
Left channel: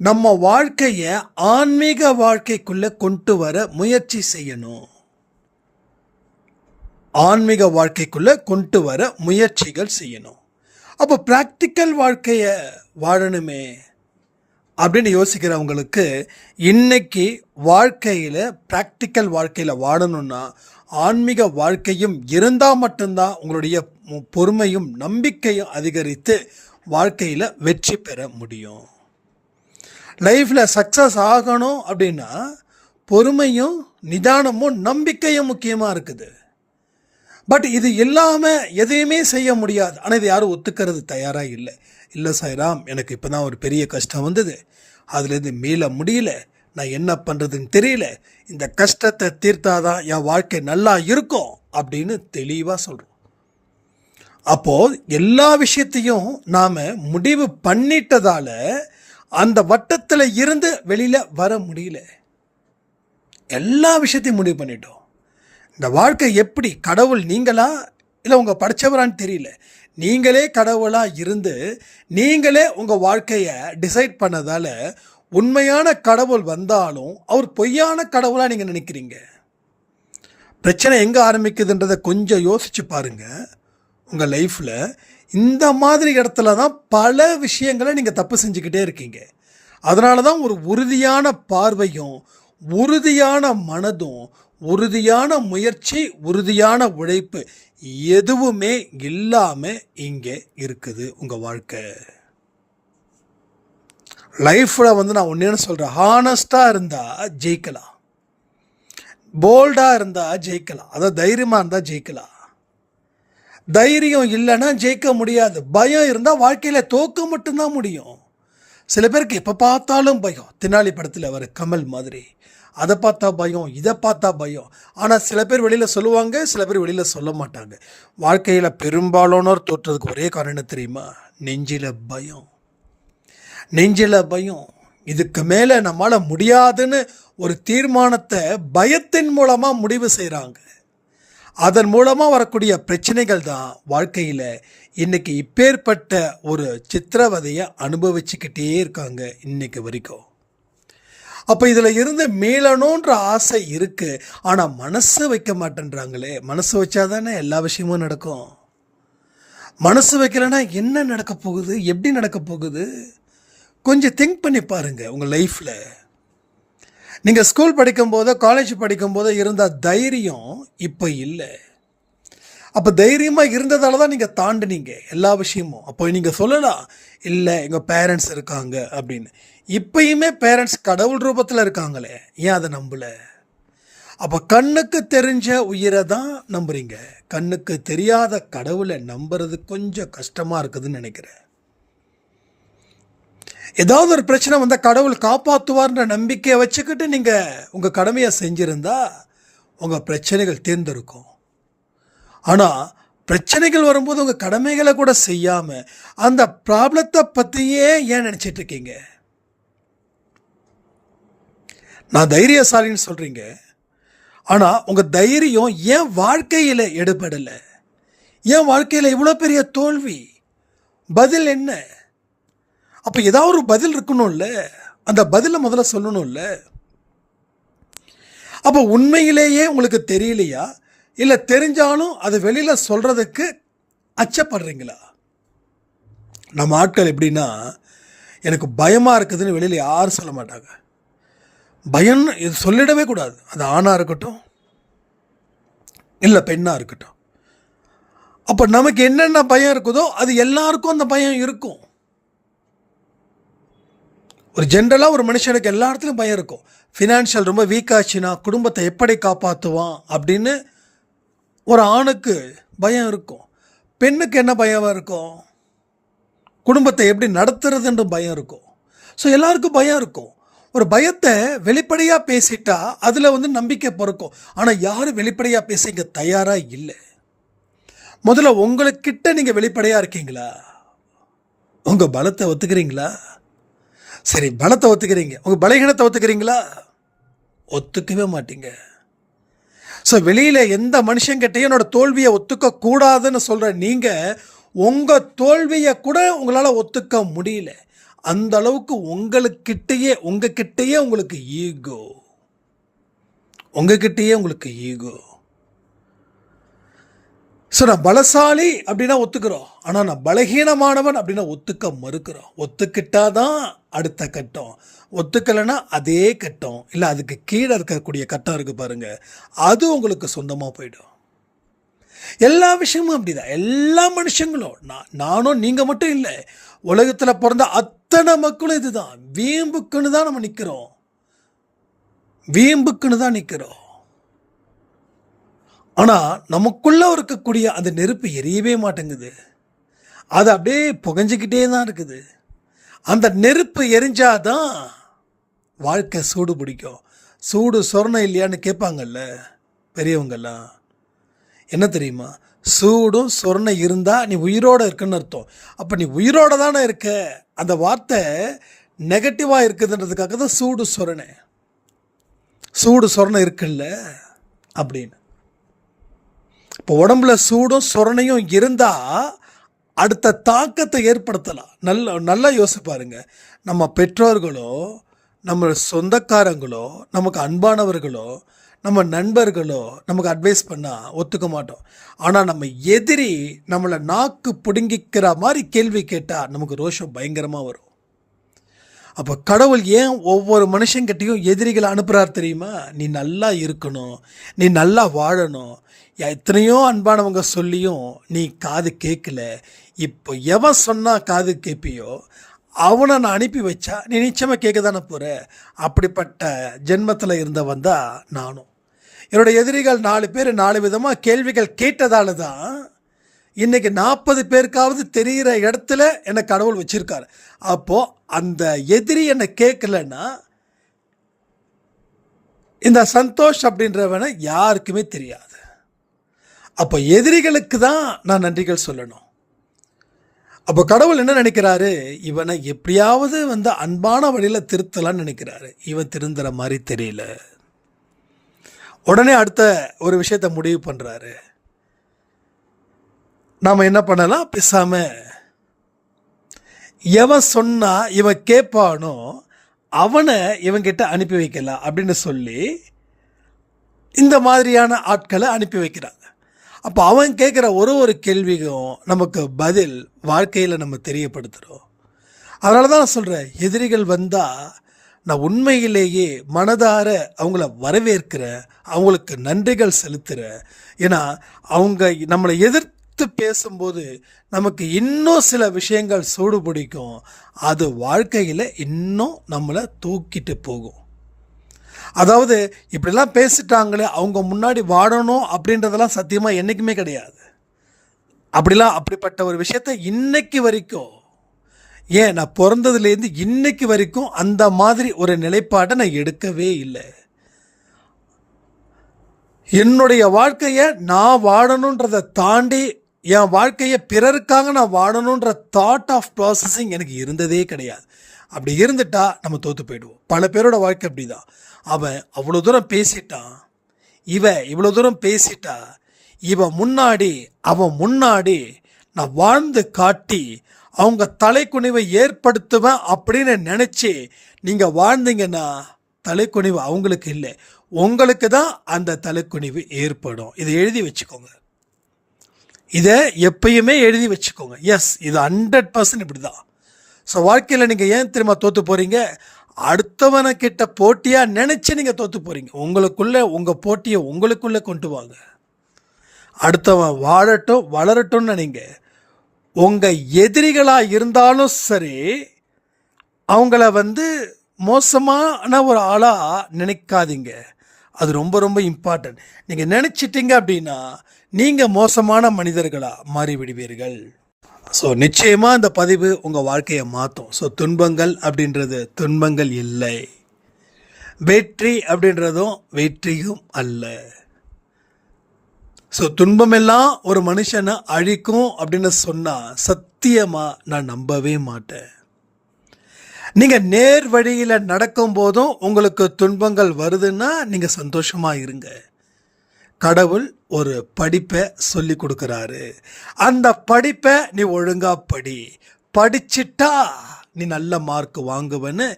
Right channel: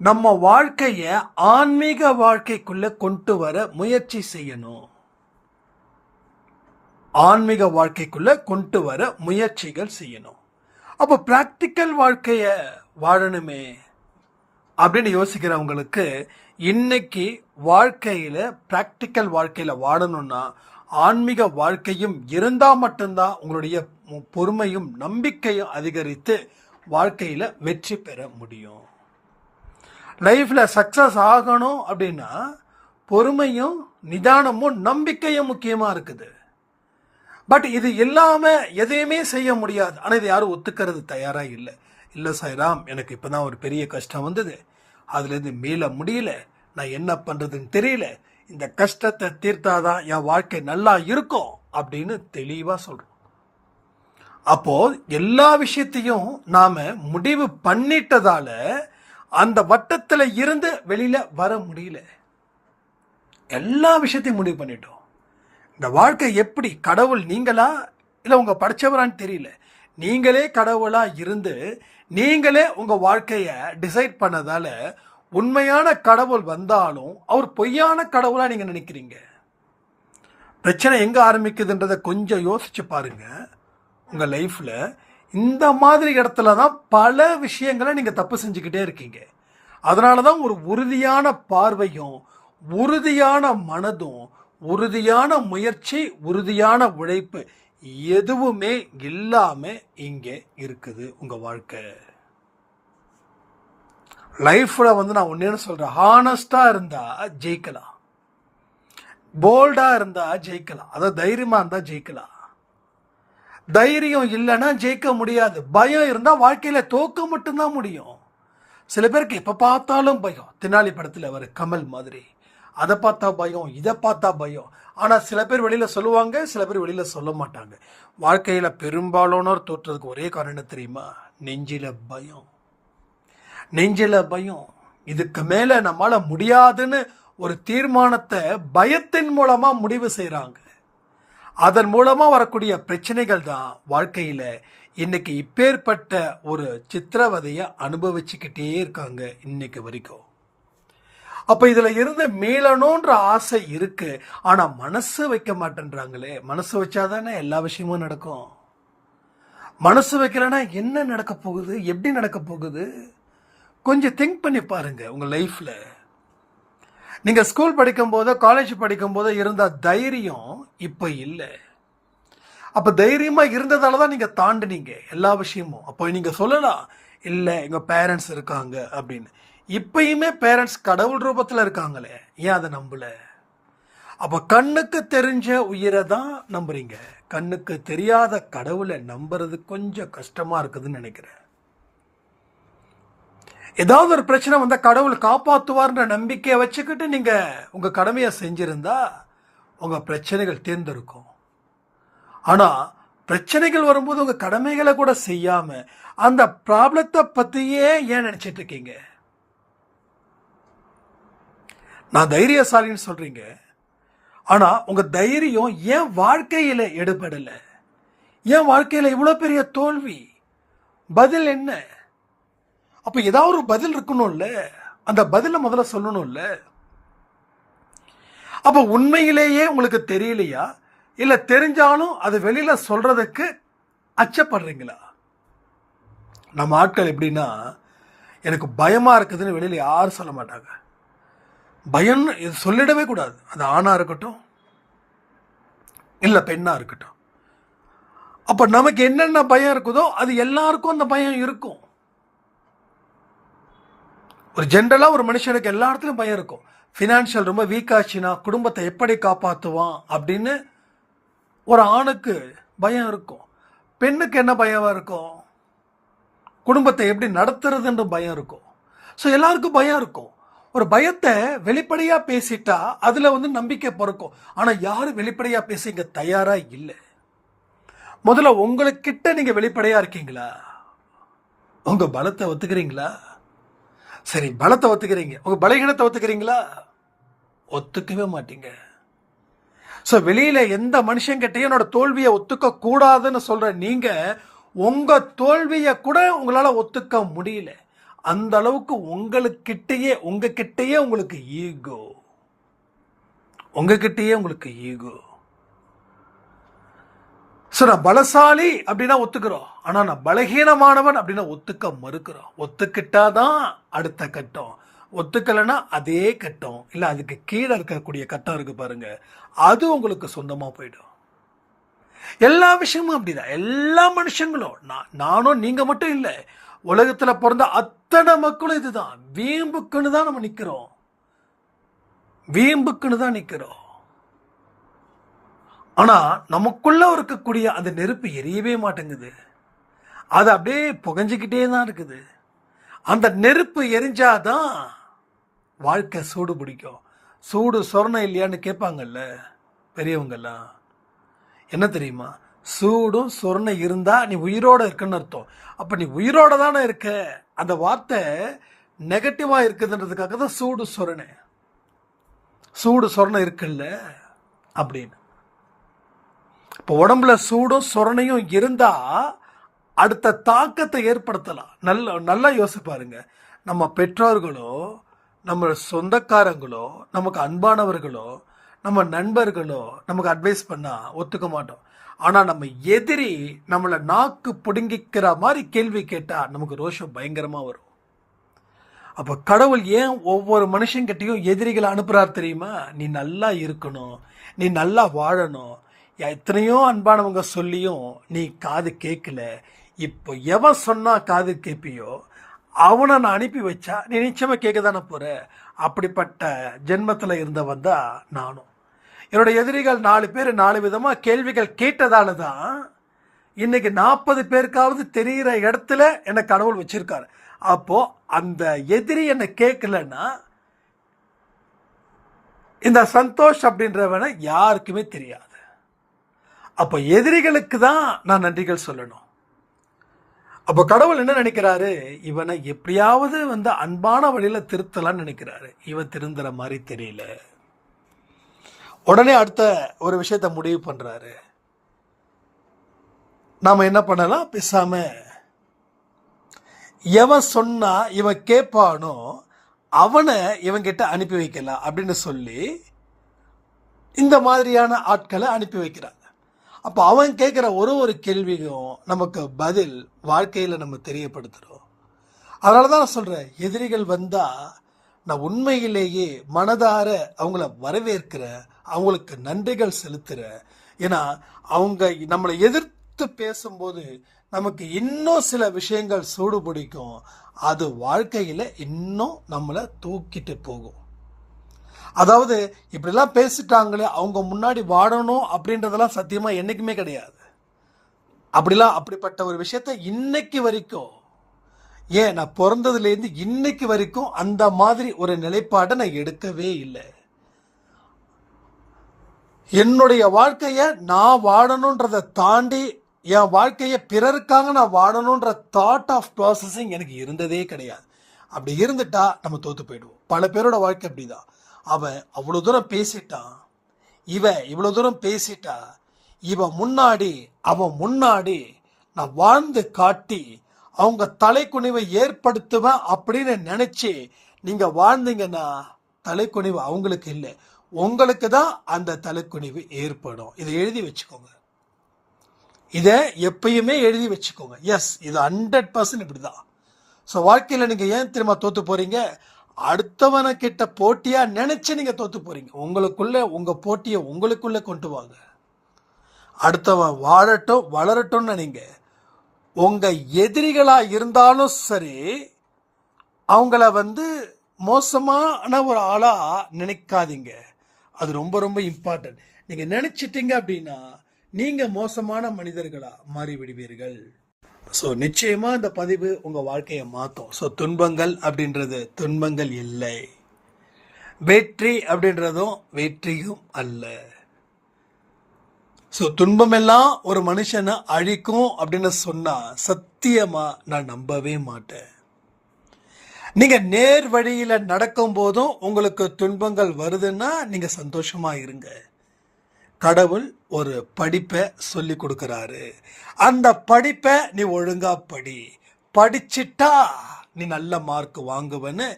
நம்ம வாழ்க்கையை ஆன்மீக வாழ்க்கைக்குள்ளே கொண்டு வர முயற்சி செய்யணும். ஆன்மீக வாழ்க்கைக்குள்ளே கொண்டு வர முயற்சிகள் செய்யணும். அப்போ ப்ராக்டிக்கல் வாழ்க்கையை வாழணுமே அப்படின்னு யோசிக்கிறவங்களுக்கு இன்னைக்கு வாழ்க்கையில் ப்ராக்டிக்கல் வாழ்க்கையில் வாழணும்னா ஆன்மீக வாழ்க்கையும் இருந்தால் மட்டும்தான் உங்களுடைய பொறுமையும் நம்பிக்கையும் அதிகரித்து வாழ்க்கையில் வெற்றி பெற முடியும். லைஃப்பில் சக்ஸஸ் ஆகணும் அப்படின்னா பொறுமையும் நிதானமும் நம்பிக்கையும் முக்கியமாக இருக்குது. பட் இது இல்லாமல் எதையுமே செய்ய முடியாது. ஆனால் இது யாரும் ஒத்துக்கிறது தயாராக இல்லை. இல்லை சாய்ராம், எனக்கு இப்போ தான் ஒரு பெரிய கஷ்டம் வந்தது, அதுலேருந்து மீள முடியல, நான் என்ன பண்ணுறதுன்னு தெரியல, இந்த கஷ்டத்தை தீர்த்தாதான் என் வாழ்க்கை நல்லா இருக்கும் அப்படின்னு தெளிவாக சொல்கிறோம். அப்போது எல்லா விஷயத்தையும் நாம் முடிவு பண்ணிட்டதால் அந்த வட்டத்தில் இருந்து வெளியில் வர முடியல. எல்லா விஷயத்தையும் முடிவு பண்ணிட்டோம். இந்த வாழ்க்கை எப்படி, கடவுள் நீங்களா இல்லை உங்கள் படித்தவரான்னு தெரியல, நீங்களே கடவுளாக இருந்து நீங்களே உங்கள் வாழ்க்கையை டிசைட் பண்ணதால் உண்மையான கடவுள் வந்தாலும் அவர் பொய்யான கடவுளாக நீங்கள் நினைக்கிறீங்க. பிரச்சனை எங்கே ஆரம்பிக்குதுன்றதை கொஞ்சம் யோசித்து பாருங்கள். உங்கள் லைஃப்பில் இந்த மாதிரி இடத்துல தான் பல விஷயங்களை நீங்கள் தப்பு செஞ்சுக்கிட்டே இருக்கீங்க. அதனால தான் ஒரு உறுதியான பார்வையும் உறுதியான மனதும் உறுதியான முயற்சி உறுதியான உழைப்பு எதுவுமே இல்லாமல் இங்கே இருக்குது உங்கள் வாழ்க்கை. லைஃப்பில் வந்து நான் ஒன்றேன்னு சொல்கிறேன், ஹானஸ்டாக இருந்தால் ஜெயிக்கலாம், போல்டாக இருந்தால் ஜெயிக்கலாம், அதாவது தைரியமாக இருந்தால் ஜெயிக்கலாம். தைரியம் இல்லைன்னா ஜெயிக்க முடியாது. பயம் இருந்தால் வாழ்க்கையில் தோக்க மட்டும்தான் முடியும். சில பேருக்கு எப்போ பார்த்தாலும் பயம், தெனாலி படத்தில் வர கமல் மாதிரி, அதை பார்த்தா பயம், இதை பார்த்தா பயம். ஆனால் சில பேர் வெளியில் சொல்லுவாங்க, சில பேர் வெளியில் சொல்ல மாட்டாங்க. வாழ்க்கையில் பெரும்பாலானோர் தோற்றதுக்கு ஒரே காரணம் தெரியுமா, நெஞ்சில் பயம். நெஞ்சில் பயம். இதுக்கு மேலே நம்மளால் முடியாதுன்னு ஒரு தீர்மானத்தை பயத்தின் மூலமாக முடிவு செய்கிறாங்க. அதன் மூலமாக வரக்கூடிய பிரச்சனைகள் தான் வாழ்க்கையில் இன்றைக்கி இப்பேற்பட்ட ஒரு சித்திரவதையை அனுபவிச்சுக்கிட்டே இருக்காங்க இன்னைக்கு வரைக்கும். அப்போ இதில் இருந்து மீளணுன்ற ஆசை இருக்குது, ஆனால் மனசு வைக்க மாட்டேன்றாங்களே. மனசு வச்சாதானே எல்லா விஷயமும் நடக்கும். மனசு வைக்கலைன்னா என்ன நடக்க போகுது, எப்படி நடக்க போகுது? கொஞ்சம் திங்க் பண்ணி பாருங்கள் உங்கள் லைஃப்பில். நீங்கள் ஸ்கூல் படிக்கும்போதோ காலேஜ் படிக்கும்போதோ இருந்த தைரியம் இப்போ இல்லை. அப்போ தைரியமாக இருந்ததால தான் நீங்கள் தாண்டினீங்க எல்லா விஷயமும். அப்போ நீங்கள் சொல்லலாம், இல்லை எங்கள் பேரண்ட்ஸ் இருக்காங்க அப்படின்னு. இப்பயுமே பேரண்ட்ஸ் கடவுள் ரூபத்தில் இருக்காங்களே, ஏன் அதை நம்பலை? அப்போ கண்ணுக்கு தெரிஞ்ச உயிரை தான் நம்புறீங்க, கண்ணுக்கு தெரியாத கடவுளை நம்புறது கொஞ்சம் கஷ்டமாக இருக்குதுன்னு நினைக்கிறேன். ஏதாவது ஒரு பிரச்சனை வந்தால் கடவுள் காப்பாற்றுவார்ன்ற நம்பிக்கையை வச்சுக்கிட்டு நீங்கள் உங்கள் கடமையை செஞ்சுருந்தா உங்கள் பிரச்சனைகள் தீர்ந்திருக்கும். ஆனால் பிரச்சனைகள் வரும்போது உங்கள் கடமைகளை கூட செய்யாமல் அந்த ப்ராப்ளத்தை பற்றியே ஏன் நினச்சிட்டு இருக்கீங்க? நான் தைரியசாலின்னு சொல்கிறீங்க, ஆனால் உங்கள் தைரியம் ஏன் வாழ்க்கையில் எடுபடலை? ஏன் வாழ்க்கையில் இவ்வளோ பெரிய தோல்வி? பதில் என்ன? அப்போ ஏதாவது ஒரு பதில் இருக்கணும்ல, அந்த பதிலை முதல்ல சொல்லணும்ல. அப்போ உண்மையிலேயே உங்களுக்கு தெரியலையா, இல்லை தெரிஞ்சாலும் அது வெளியில் சொல்கிறதுக்கு அச்சப்படுறீங்களா? நம்ம ஆட்கள் எப்படின்னா, எனக்கு பயமாக இருக்குதுன்னு வெளியில் யாரும் சொல்ல மாட்டாங்க. பயம்னு இது சொல்லிடவே கூடாது. அது ஆணாக இருக்கட்டும் இல்லை பெண்ணாக இருக்கட்டும். அப்போ நமக்கு என்னென்ன பயம் இருக்குதோ அது எல்லாருக்கும் அந்த பயம் இருக்கும். ஒரு ஜென்ரலாக ஒரு மனுஷனுக்கு எல்லா இடத்துலையும் பயம் இருக்கும். ஃபினான்ஷியல் ரொம்ப வீக்காச்சுன்னா குடும்பத்தை எப்படி காப்பாற்றுவான் அப்படின்னு ஒரு ஆணுக்கு பயம் இருக்கும். பெண்ணுக்கு என்ன பயம் இருக்கும்? குடும்பத்தை எப்படி நடத்துறதுன்ற பயம் இருக்கும். ஸோ எல்லாருக்கும் பயம் இருக்கும். ஒரு பயத்தை வெளிப்படையாக பேசிட்டா அதில் நம்பிக்கை பிறக்கும். ஆனால் யாரும் வெளிப்படையாக பேச இங்கே தயாராக இல்லை. முதல்ல உங்களுக்கிட்ட நீங்கள் வெளிப்படையாக இருக்கீங்களா? உங்கள் பலத்தை ஒத்துக்கிறீங்களா? சரி, பலத்தை ஒத்துக்கிறீங்க, உங்கள் பலகீனத்தை ஒத்துக்கிறீங்களா? ஒத்துக்கவே மாட்டீங்க. ஸோ வெளியில் எந்த மனுஷங்கிட்டையும் என்னோட தோல்வியை ஒத்துக்கக்கூடாதுன்னு சொல்கிற நீங்கள் உங்கள் தோல்வியை கூட உங்களால் ஒத்துக்க முடியல. அந்த அளவுக்கு உங்ககிட்டயே உங்களுக்கு ஈகோ, உங்ககிட்டயே உங்களுக்கு ஈகோ. ஸோ நான் பலசாலி அப்படின்னா ஒத்துக்கிறோம், ஆனால் நான் பலகீனமானவன் அப்படின்னா ஒத்துக்க மறுக்கிறோம். ஒத்துக்கிட்டாதான் அடுத்த கட்டம், ஒத்துக்கலைன்னா அதே கட்டம் இல்லை அதுக்கு கீழே இருக்கக்கூடிய கட்டம் இருக்குது பாருங்க, அது உங்களுக்கு சொந்தமாக போயிடும். எல்லா விஷயமும் அப்படிதான். எல்லா மனுஷங்களும், நானும் நீங்கள் மட்டும் இல்லை, உலகத்தில் பிறந்த அத்தனை மக்களும் இதுதான். வீம்புக்குன்னு தான் நம்ம நிற்கிறோம், வீம்புக்குன்னு தான் நிற்கிறோம். ஆனால் நமக்குள்ளே இருக்கக்கூடிய அந்த நெருப்பு எரியவே மாட்டேங்குது. அது அப்படியே புகஞ்சிக்கிட்டே தான் இருக்குது. அந்த நெருப்பு எரிஞ்சாதான் வாழ்க்கை சூடு பிடிக்கும். சூடு சொரணம் இல்லையான்னு கேட்பாங்கல்ல பெரியவங்கெல்லாம். என்ன தெரியுமா? சூடும் சொரணை இருந்தால் நீ உயிரோடு இருக்குன்னு அர்த்தம். அப்போ நீ உயிரோடு தானே இருக்க. அந்த வார்த்தை நெகட்டிவாக இருக்குதுன்றதுக்காக தான் சூடு சொரணை, சூடு சொரணை இருக்குல்ல அப்படின்னு. இப்போ உடம்புல சூடும் சொரணையும் இருந்தால் அடுத்த தாக்கத்தை ஏற்படுத்தலாம். நல்லா யோசிப்பாருங்க. நம்ம பெற்றோர்களோ, நம்ம சொந்தக்காரங்களோ, நமக்கு அன்பானவர்களோ, நம்ம நண்பர்களோ நமக்கு அட்வைஸ் பண்ணால் ஒத்துக்க மாட்டோம். ஆனால் நம்ம எதிரி நம்மளை நாக்கு பிடுங்கிக்கிற மாதிரி கேள்வி கேட்டால் நமக்கு ரோஷம் பயங்கரமாக வரும். அப்போ கடவுள் ஏன் ஒவ்வொரு மனுஷங்கிட்டையும் எதிரிகளை அனுப்புகிறார் தெரியுமா? நீ நல்லா இருக்கணும், நீ நல்லா வாழணும். எத்தனையோ அன்பானவங்க சொல்லியும் நீ காது கேட்கல. இப்போ எவன் சொன்னால் காது கேட்பியோ அவனை நான் அனுப்பி வச்சா நீ நிச்சயமாக கேட்க தானே போகிற. அப்படிப்பட்ட ஜென்மத்தில் இருந்தவன் தான் நானும். என்னோட எதிரிகள் 4 பேர் 4 விதமாக கேள்விகள் கேட்டதால தான் இன்றைக்கி 40 பேருக்காவது தெரிகிற இடத்துல என்னை கடவுள் வச்சுருக்காரு. அப்போது அந்த எதிரி என்னை கேட்கலன்னா இந்த சந்தோஷ் அப்படின்றவனை யாருக்குமே தெரியாது. அப்போ எதிரிகளுக்கு தான் நான் நன்றிகள் சொல்லணும். அப்போ கடவுள் என்ன நினைக்கிறாரு? இவனை எப்படியாவது அன்பான வழியில் திருத்தலான்னு நினைக்கிறாரு. இவன் திருந்துற மாதிரி தெரியல. உடனே அடுத்த ஒரு விஷயத்தை முடிவு பண்ணுறாரு. நாம் என்ன பண்ணலாம்? பேசாமல் எவன் சொன்னா இவன் கேட்பானோ அவனை இவன்கிட்ட அனுப்பி வைக்கலாம் அப்படின்னு சொல்லி இந்த மாதிரியான ஆட்களை அனுப்பி வைக்கிறாங்க. அப்போ அவன் கேட்குற ஒரு கேள்விக்கும் நமக்கு பதில் வாழ்க்கையில் நம்ம தெரியப்படுத்துகிறோம். அதனால தான் நான் சொல்கிறேன், எதிரிகள் வந்தால் நான் உண்மையிலேயே மனதார அவங்கள வரவேற்கிறேன், அவங்களுக்கு நன்றிகள் செலுத்துகிறேன். ஏன்னா அவங்க நம்மளை எதிர்த்து பேசும்போது நமக்கு இன்னும் சில விஷயங்கள் சூடு பிடிக்கும். அது வாழ்க்கையில் இன்னும் நம்மளை தூக்கிட்டு போகும். அதாவது இப்படிலாம் பேசிட்டாங்களே, அவங்க முன்னாடி வாழணும் அப்படின்றதெல்லாம் சத்தியமாக என்றைக்குமே கிடையாது. அப்படிப்பட்ட ஒரு விஷயத்தை இன்னைக்கு வரைக்கும், ஏன் நான் பிறந்ததுலேருந்து இன்னைக்கு வரைக்கும் அந்த மாதிரி ஒரு நிலைப்பாட்டை நான் எடுக்கவே இல்லை. என்னுடைய வாழ்க்கையை நான் வாழணுன்றதை தாண்டி என் வாழ்க்கையை பிறருக்காக நான் வாழணுன்ற தாட் ஆஃப் ப்ராசஸிங் எனக்கு இருந்ததே கிடையாது. அப்படி இருந்துட்டா நம்ம தோற்று போயிடுவோம். பல பேரோட வாழ்க்கை அப்படி தான். அவன் அவ்வளோ தூரம் பேசிட்டான், இவன் இவ்வளோ தூரம் பேசிட்டா, அவன் முன்னாடி நான் வாழ்ந்து காட்டி அவங்க தலைக்குனிவை ஏற்படுத்துவேன் அப்படின்னு நினச்சி நீங்கள் வாழ்ந்தீங்கன்னா தலைக்குனிவு அவங்களுக்கு இல்லை, உங்களுக்கு தான் அந்த தலைக்குனிவு ஏற்படும். இதை எழுதி வச்சுக்கோங்க. இதை எப்பயுமே எழுதி வச்சுக்கோங்க. எஸ், இது 100% இப்படி தான். ஸோ வாழ்க்கையில் நீங்கள் ஏன் திரும்ப தோற்று போகிறீங்க? அடுத்தவனை கிட்ட போட்டியாக நினச்சி நீங்கள் தோற்று போகிறீங்க. உங்கள் போட்டியை உங்களுக்குள்ளே கொண்டு வாங்க. அடுத்தவன் வளரட்டும்னு நினைங்க. உங்கள் எதிரிகளாக இருந்தாலும் சரி, அவங்கள மோசமான ஒரு ஆளாக நினைக்காதீங்க. அது ரொம்ப ரொம்ப இம்பார்ட்டன்ட். நீங்கள் நினச்சிட்டிங்க அப்படின்னா நீங்கள் மோசமான மனிதர்களாக மாறிவிடுவீர்கள். ஸோ நிச்சயமாக இந்த பதிவு உங்கள் வாழ்க்கையை மாற்றும். ஸோ துன்பங்கள் அப்படின்றது துன்பங்கள் இல்லை, வெற்றி அப்படின்றதும் வெற்றியும் அல்ல. ஸோ துன்பமெல்லாம் ஒரு மனுஷனை அழிக்கும் அப்படின்னு சொன்னால் சத்தியமாக நான் நம்பவே மாட்டேன். நீங்கள் நேர் வழியில் நடக்கும் போதும் உங்களுக்கு துன்பங்கள் வருதுன்னா நீங்கள் சந்தோஷமாக இருங்க. கடவுள் ஒரு படிப்பை சொல்லி கொடுக்குறாரு. அந்த படிப்பை நீ ஒழுங்கா படிச்சிட்டா நீ நல்ல மார்க் வாங்குவேன்னு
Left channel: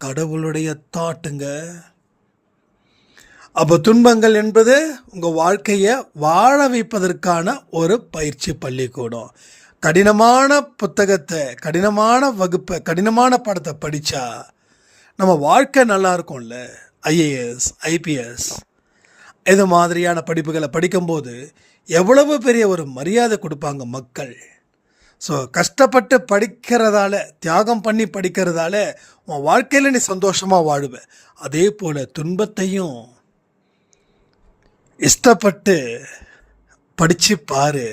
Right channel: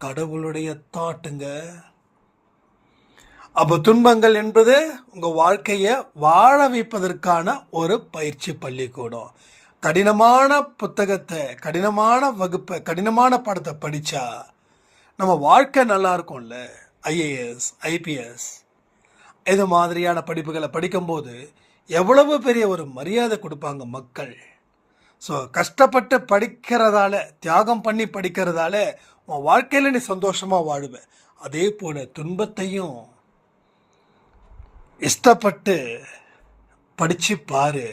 கடவுளுடைய தாட்டுங்க. அப்போ துன்பங்கள் என்பது உங்கள் வாழ்க்கையை வாழ வைப்பதற்கான ஒரு பயிற்சி பள்ளிக்கூடம். கடினமான புத்தகத்தை, கடினமான வகுப்பை, கடினமான பாடத்தை படித்தா நம்ம வாழ்க்கை நல்லா இருக்கும்ல. IAS, IPS இது மாதிரியான படிப்புகளை படிக்கும்போது எவ்வளவு பெரிய ஒரு மரியாதை கொடுப்பாங்க மக்கள். ஸோ கஷ்டப்பட்டு படிக்கிறதால, தியாகம் பண்ணி படிக்கிறதால உன் வாழ்க்கையில் நீ சந்தோஷமாக வாழுவ. அதே போல் துன்பத்தையும் இஷ்டப்பட்டு படித்து பாரு,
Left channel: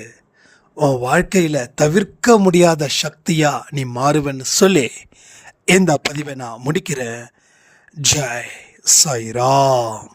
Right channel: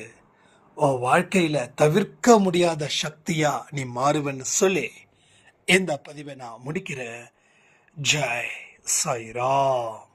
உன் வாழ்க்கையில் தவிர்க்க முடியாத சக்தியாக நீ மாறுவேன்னு சொல்லி இந்த பதிவை நான் முடிக்கிறேன். ஜெய் சாய்ராம்.